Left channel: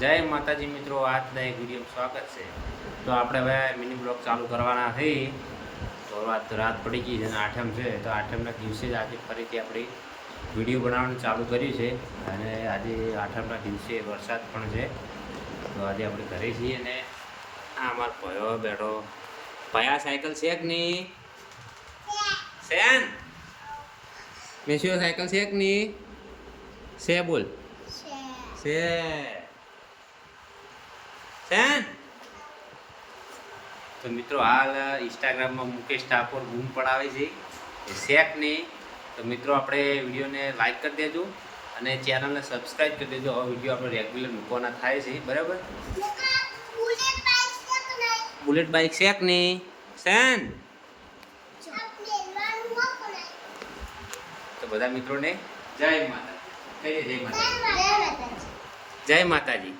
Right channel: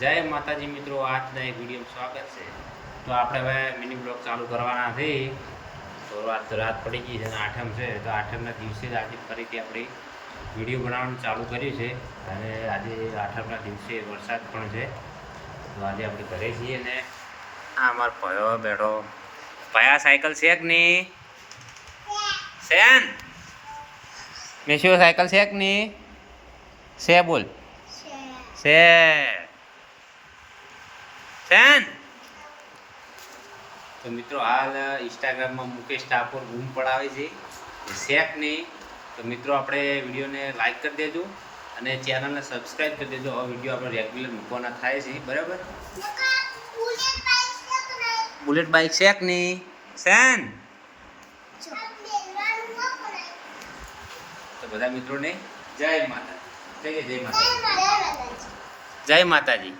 જય માતાજી મિત્રો, આજના એક વિડીયો સ્વાગત છે. તો આપણે હવે મિની બ્લોગ ચાલુ કરવાના થઈ. તો આજ તો રાત પડી ગઈ છે અને આઠમ છે, તો આઠમના દિવસે જ આજે ફરીથી આપણે વિડીયો બનાવવાનું ચાલુ કર્યું છે. અને આજે આઠમના દિવસે વરસાદ પણ છે. તો આજે આપણે ઘરે છીએ ને આ અમારો ભયો બેઠો. ભયા સાયકલ છે કે નહીં? સેન મેશિયો સાયકલ છે કે નહીં? છે બોલ. છે સેન. તો મિત્રો હાલ ઇન્સ્ટાગ્રામમાં મુકેશ ઠાકોર બૂમ પડાવે છે શેક નહીં. તો મિત્રો આપણે વિડીયોને લાઈક કરી દેજો અને ચેનલને સબસ્ક્રાઈબ કરી દેજો. હવે વિડીયો આપણે રેગ્યુલર મૂકવાના થાય છે, બરાબર? બુલેટ બાઇક શેક નહીં સેન. તો બધા મિત્રોને જય માતાજી. જય માતાજી. જય માતાજી.